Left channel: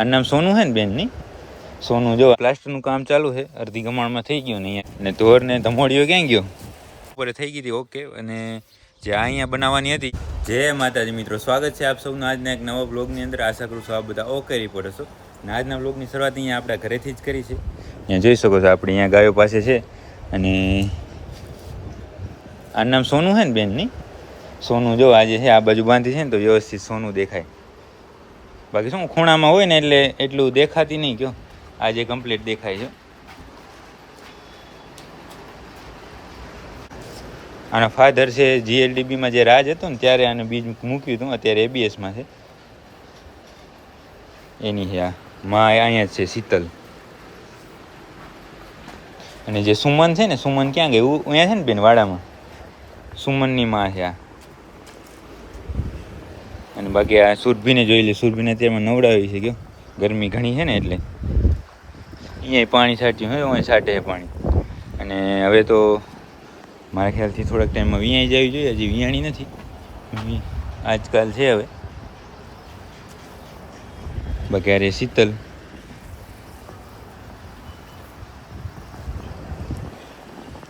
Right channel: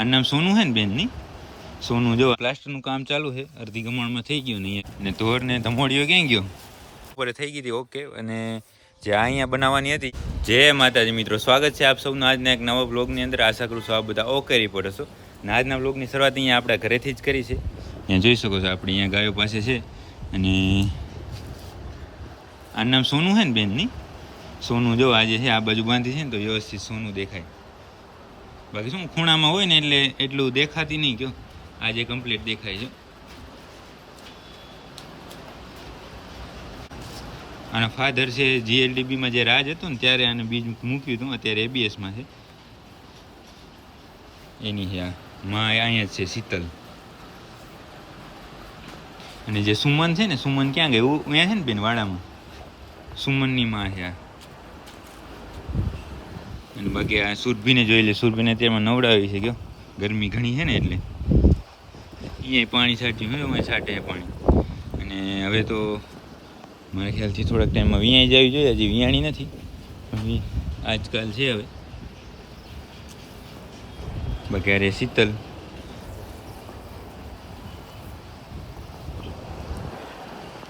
આ નામ સોનું હે ને બેનની? સોનું જો પ્લાસ્ટરનું કામ ચાલુ છે અડધી ગમાણમાં થઈ ગયું ને ને ધોર ને ધમોડીઓ ક્યાં ગયો? ઉપર થઈ ગઈ હતી ઓકે. અને જે આ અહીંયા બનાવવાની હતી. જય માતાજી મિત્રો સ્વાગત છે આપ સૌનું આજના એક નવા બ્લોગની અંદર. આશા કરું છું આ બધા ઓકે રિપોર્ટ હશો. અને આજના બ્લોગની શરૂઆત અહીંયા આપણા ઘરેથી જ કરી છે. અહીંયા જોઈ શકો છો આપણે અહીંયા ગાયો પાસે છે. અને આ નામ સોનું છે ને બેનની? સોનું જો આજે છે આ બાજુ બાંધી છે ને તો વ્યવસ્થિત સોનું દેખાય. બાકી શું, ખૂણામાં હોય ને એટલે એટલું દેખાતી નહીં કયો. આજે કમ્પ્લીટ દેખાય છે. આના ફાધર છે જીએલડીબીમાં જે રાજ હતો ને, ત્યારે આને બીજ મૂક્યું હતું, અત્યારે એબીએસમાં છે. એની છે આ, માં અહીંયા છે, શીતલ. અને જે સુમન છે ને, સુમન ક્યાં ગયું અહીંયા છે ને બેન, વાડામાં? સુમનની માં છે આ. અને બાકી આ સુરભીને જોઈ લે. સુરભીને અત્યારમાં નવડાવી છે ગયો ગરમી ઘણી છે ને એટલે. અહીંયા પાણી છાંટ્યું હોય અહીં સાટે છે પાણી. અને હવે તો મારા ખ્યાલથી થોડાક ટાઈમમાં વિયાણી જવી જોઈએ, હજી વિયાણી નથી. આજકાલ છે હવે. બાકી અરે શીતલ.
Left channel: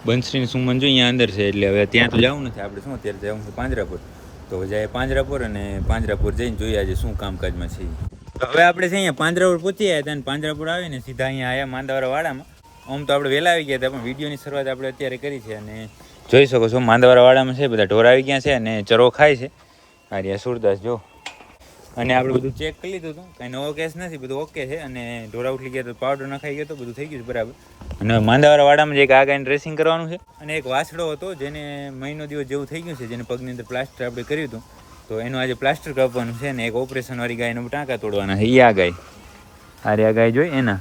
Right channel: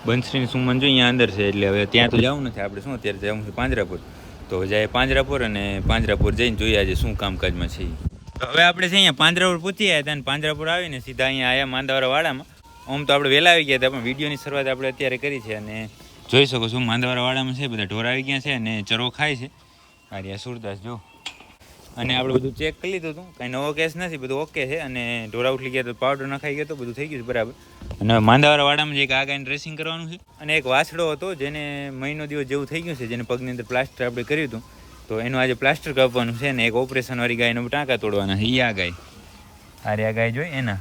બંસરી સુમન જો અહીંયા અંદર છે, એટલે હવે ત્યાં તો જવું નથી. આપણે શું અત્યારે જવું છે? પાંજરાપુર તો જાય પાંજરાપુર અને પાંજરાપુર જઈને જોઈએ આજે શું કામકાજમાં છે હવે આપણે છે અહીંયા પાંજરાપુર પહોંચી આવ્યા હતા અને પાંજરાપુર આવીને સીધા અહીંયા આવ્યા માંદાવાડા વાડામાં. આમ તો આપણે વહેલા આવી ગયા હતા, પણ વિડીયોની શરૂઆત આપણે અત્યારે કરી છે અને જોઈ શકો છો માંદાવાડા વાડામાં છે, બધા ઢોર આવી ગયા છે અને ચરો ખાય છે. આર્યા સુરદાસ, જો. અને આપણે બધું ચેક કરી લીધું હતું. કાંઈ નવો કેસ નથી, બધું ઓકે છે. અને ઢોરા ઉઠી ગયા તો પાવડર નખાઈ ગયો તો બધું થઈ ગયું બરાબર. અને માંદાવાળા વાડામાં જે એક આ ગાયને ડ્રેસિંગ કરવાનું છે. અને એક વાછડો હતો જેને મહિનો દિવસ જેવું થઈ ગયું છે, જેને પગની અંદર પ્લાસ્ટર આપણે કર્યું હતું. તો એનું આજે પ્લાસ્ટર કાપવાનું છે ને એક ઓપરેશનવાળી ગાયનો ટાંકા તોડવાના છે. એ આ ગાય. આરે આ ગાય જોઈ એના.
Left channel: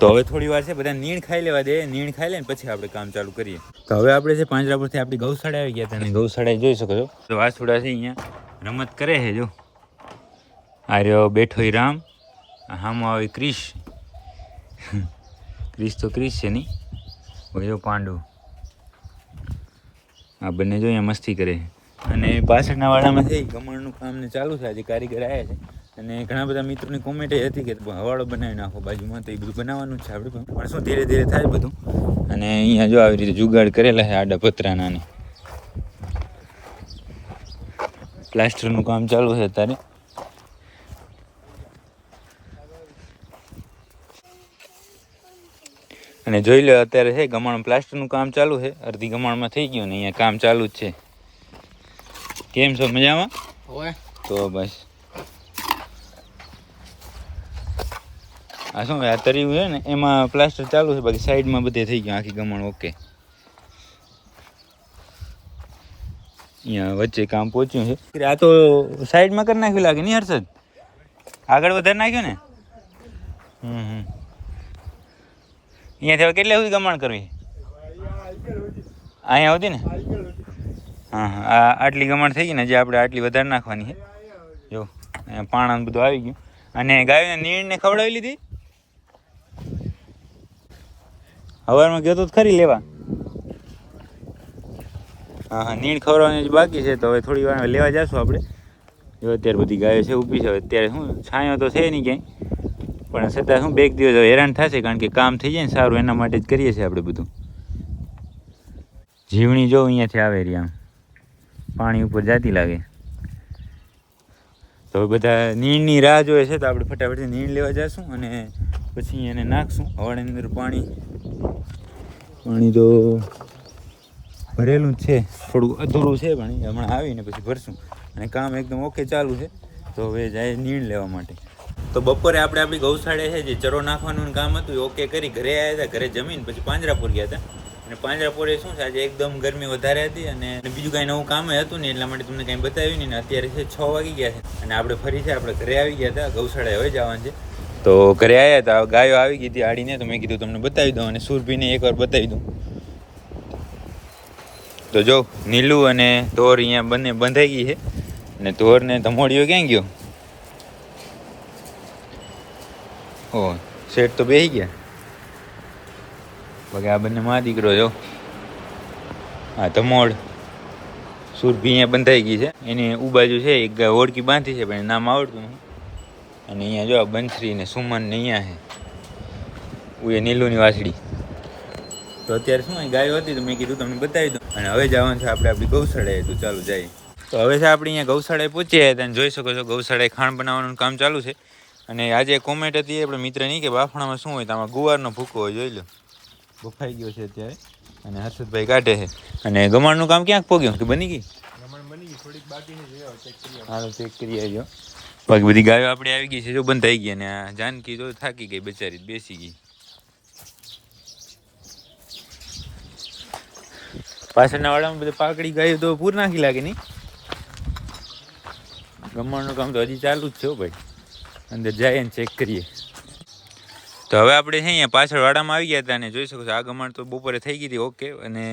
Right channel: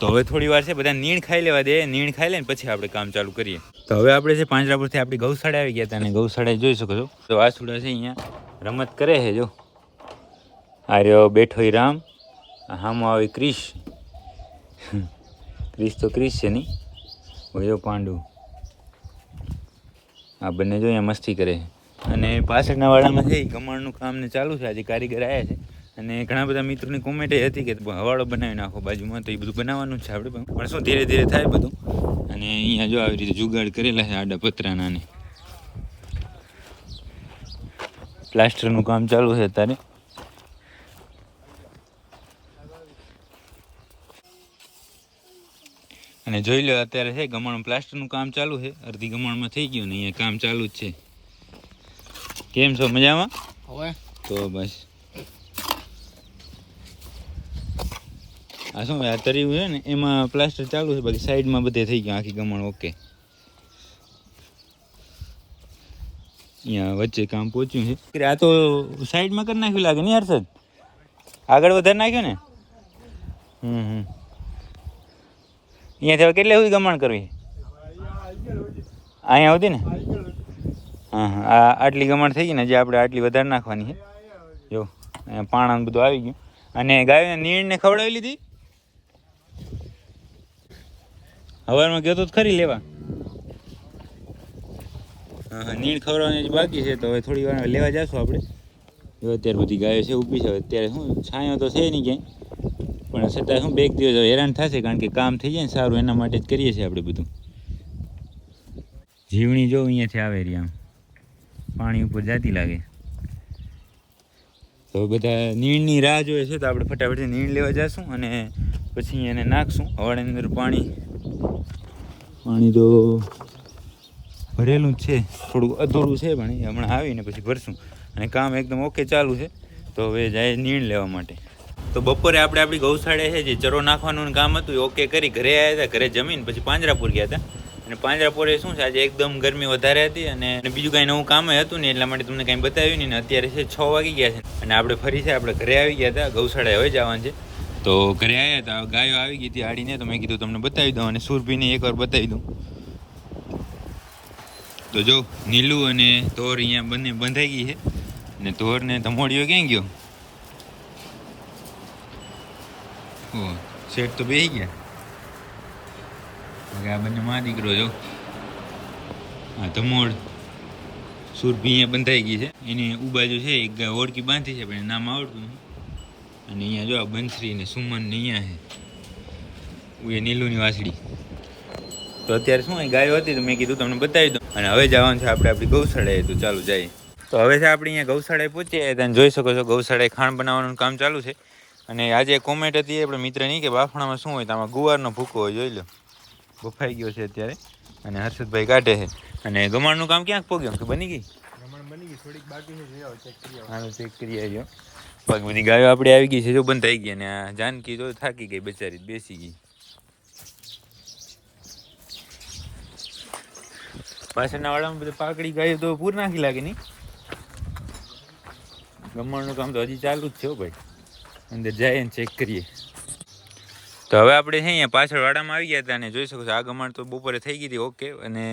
તો હવે થોડી વાર છે, બધા નીણ ખાઈ લેવા દે, નીણ ખાઈ લે ને પછી આપણે કામ ચાલુ કરીએ. તો હવે આપણે છે, પાંજરાપુરથી આપણી ગૌશાળા આવી ગયા હતા અને ગૌશાળા જોઈ શકો છો. તો વાછુડા છે અહીંયા. રમત કરે છે, જો. આર્યો બેઠો ઈ રામ. હામાં આવી ક્રિશ. ક્રિશ તો ક્રિશ છે નહીં ભયો પાંડુ. આ બંને જો અહીંયા મસ્તી કરે. અને પાછળના વાડામાં છે ઈ ગમણનું કામ ને ચાલુ છે, આજે કારીગર આવ્યા છે. અને ઘણા બધા મિત્રોની કોમેન્ટ હતી કે હવાડો બનાવી નાખો, બાજુમાં તો એ બધું બનાવવાનું છે આપણે પણ. શું ધીરે ધીરે થાય બધું. અને અહીંયા જો આવી રીતે જુગાડ કરેલા છે આડા પતરાના પ્લાસ્ટરનું કામ ચાલુ છે અત્યારે. અને જોઈ લો અત્યારે છે ગમાણ પ્લાસ્ટરનું કામ ચાલુ છે. અડધી ગમાણમાં થઈ ગયું ને અહીંયા કામ ચાલુ જ છે. કેમ છો મજામાં? હોય. તો બસ. આ શું આ તર્યું છે ને એમાં પ્લાસ્ટર ચાલુ છે બાકી સાઈડમાં બધે થઈ ગયું આખી ગમણ ઓકે. અહીંયા વચ્ચે કામ પહોંચ્યું છે. આ તો સાઈડમાં કરી નાખ્યું લાગે નહીં હર્ષદ? આગળ વધારે નાખ્યું ને? હમ હમ. અહીંયાથી હવે કેટલે સુધી ગમણ કરવી? અહીંયા સુધી ને? હા આટલી ગમણ થઈ ગઈ ને જે આપણે આટલી વધારે નાખવાની છે. જો પાણા બધું આવી ગયું. અને ગાયને નીણને ખવડાવી લીધી. હવારમાં ગયો તો ખરી લેવા. હા હા, નીણ ખવડાવવાની જ બાકી છે, તો હવે થોડી વાર લેવા જશું આપણે. જો, અત્યારે બધી ગાયો છે ઊભી છે અત્યારે શું, છાંયો તો છે નહીં ક્યાંય. પણ છતાં શું, બે દિવસ હેરાન થશે કારણ કે કામ થઈ જાય ને સારું, એના માટે જ કરીએ છીએ આપણે બધું. જીવણી જો અહીંયાથી આવે રહી આમ. પાણી ઉપર જાતી લાગે. તો બધા નીણની રાહ જોઈએ છે તો આપણે ફટાફટ નીણ લેવા જઈશું અને પછી એને નાખશું હવાડાની અંદર પાણી. પાણી તો ભરેલું જ છે, થોડું અધૂરું છે પણ હમણાં આવીને પછી ભરશું. અને કામ એકદમ ઓકે ચાલુ છે. તો હવે જાય નીણ લેવા માટે. તો બપોરે આપણે આપણી ગૌશાળે છે જે ચરો નાખવાનું કામ હતું ઓકે કરી. ઘરે આવ્યા હતા, ઘરે જમીન, પછી પાંજરાપુર ગયા હતા. અને પાંજરાપુરે શું છે, આજે એકદમ ગરમી વધારે હતી અને બીજું કાંઈ નવું કામ હતું ને એટલા માટે તમને કાંઈ બતાવ્યું નહીં અત્યારે છે છ વાગી ગયા છે. અને આપણે ફરી છે, આપણે ઘરે આવી ગયા હતા ગૌશાળાએ હવે જવાનું છે. તો ઘરે આવ્યા હતા ગાયો આવી ગઈ હતી આડીને, તો મેં કીધું તમને બતાવી દઉં અને સુરભીને એકવાર બતાવી દઉં. તો જો, નીલું અને ધોર અહીંયા બંને બંધાઈ ગઈ છે. અને ધોરને ધમોડીઓ ક્યાં ગયો? ઓ, શેઠ તો બેસી ગયા? બગા આ બંને માં દીકરો જો હા. ધમોડ સુરભી અહીંયા બંધાઈ ગઈ છે. એની ઉબાજુ છે, એક ઓળકી બાંધી છે, પણ નામ આવડતું નહીં અને અહીંયા જો આ બંસરી ને સુમન ને અહીંયા છે. એ નીલુની વાસડી તો અત્યારે શું ગાયો હતી તો મેં કીધું તમને બતાવી દઉં. અને હવે જવાનું છે આપણે આપણી ગૌશાળાએ, તો ચાલુ જઈએ. તો હવે છે આપણે અહીંયા ગૌશાળાએ પહોંચીએ તમે જોઈ શકો છો, ગૌશાળાએ ખાણ બનાવવાનું કામ ચાલુ છે. અને આજે કોમેન્ટ હતી આપણે મિત્ર નહીં કે બાફણામાં શું હોય તો આમાં ગુવારનો ભૂકો હોય જોઈ લો. બફાઈ ગયો છે અત્યારે. અને હર્ષદભાઈ કાઢે છે. અને ગમાણનું કામ ક્યાંક પોગ્યું? કે બની ગઈ હાલો ચેક કરી આવ્યો બાકી બધી ગાયો આપણે આવી ગઈ છે જો બંધ થઈ ગઈ અને આ જાનકી જો થાકી ગઈ બચારી બેસી ગઈ. પાછળના વાડામાં બધી પાકડી ગાયો તો પૂર નાખી લાગે નહીં ગમણનું કામ તો હજી ચાલુ જ છે ભાઈ. અંદર જાય ને ચેક કરીએ. તો હવે આપણે છે અહીંયા પાછળ વાડામાં આવી ગયા હતા અને જોઈ શકો છો, આ ગમણ તો બપોરે થઈ ગઈ હતી, ઓકે. અને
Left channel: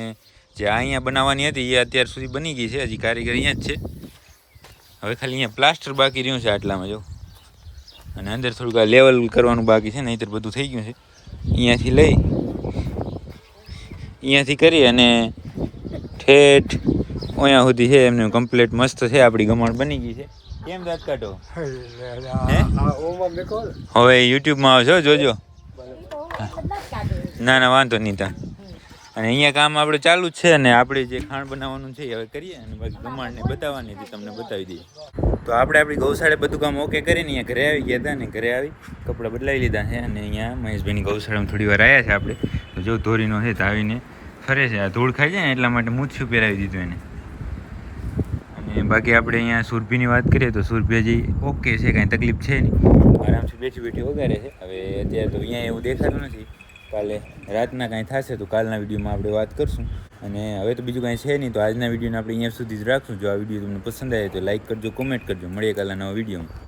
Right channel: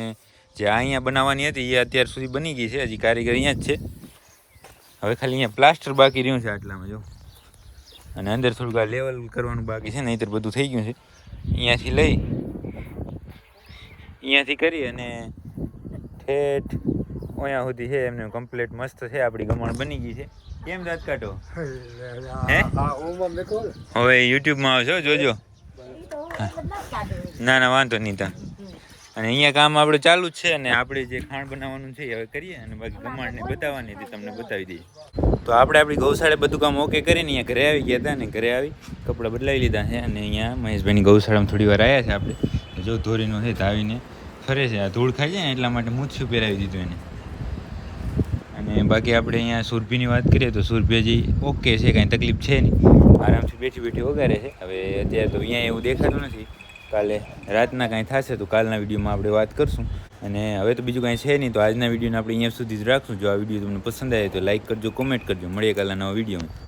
જે અહીંયા બનાવવાની હતી, એ અત્યાર સુધી બની ગઈ છે, હજી કારીગર અહીંયા જ છે. હવે ખાલી અહીંયા પ્લાસ્ટર બાકી રહ્યું છે આટલામાં, જો. અને અંદર થોડુંક આ લેવલ કરવાનું બાકી છે, નહીંતર બધું થઈ ગયું છે. અહીંયાથી લઈ, અહીંયાથી કરી અને ઠેઠ અહીંયા સુધી છે, એમને કમ્પ્લીટ મસ્ત છે, આપણી ગમણ બની ગઈ છે. કેમ દાંત કાઢો? હે? હવે યુટ્યુબમાં આવશો જોજો. ના ના વાંધો નહીં તા અને અહીંયા કામ આપણે ચાલુ જ છે અને આપણે જે ખાણ બનાવવાનું છે એ હવે કરીએ અને બાકી ગમાણને બતાવવાની હતી તમને બતાવી દઈએ. તો આપણે આપણી ગૌશાળે બધું કામ ઓકે કરીને અહીંયા ઘરે આવી ગયા હતા અને ઘરે આવી કપડાં બદલાવી લીધા છે અને અહીંયા મહેશભાઈની ગૌશાળામાં થોડી વાર આવ્યા છે આપણે. જો ધોરીનો છે તો આવીને ફરે છે. આ ધૂળ ખાઈ જાય એટલા માટે મૂછું પહેરાવી દીધું એને. બાકી આપણે અહીંયા સુરભીની વાત કરીએ તો સુરભી હજી ઓકે છે, કાંઈ તકલીફ છે નહીં. આરામથી બેઠી બેઠી વગાડે છે. હવે અત્યારે તો અહીંયા એવું દેખાતું નથી. કાલે રાતના કાંઈ થશે તો કાલના વિડીયોમાં આપણે વાત કરશું. અને હવે તો બીજું કાંઈ છે નહીં, તો આજના વિડીયોને આપણે અહીંયા સુધી જ રાખશું. જો આ વીડિયો તમને પસંદ આવે તો લાઇક કરજો, કોમેન્ટ કરજો. મળીએ કાલના નવા વિડીયોમાં.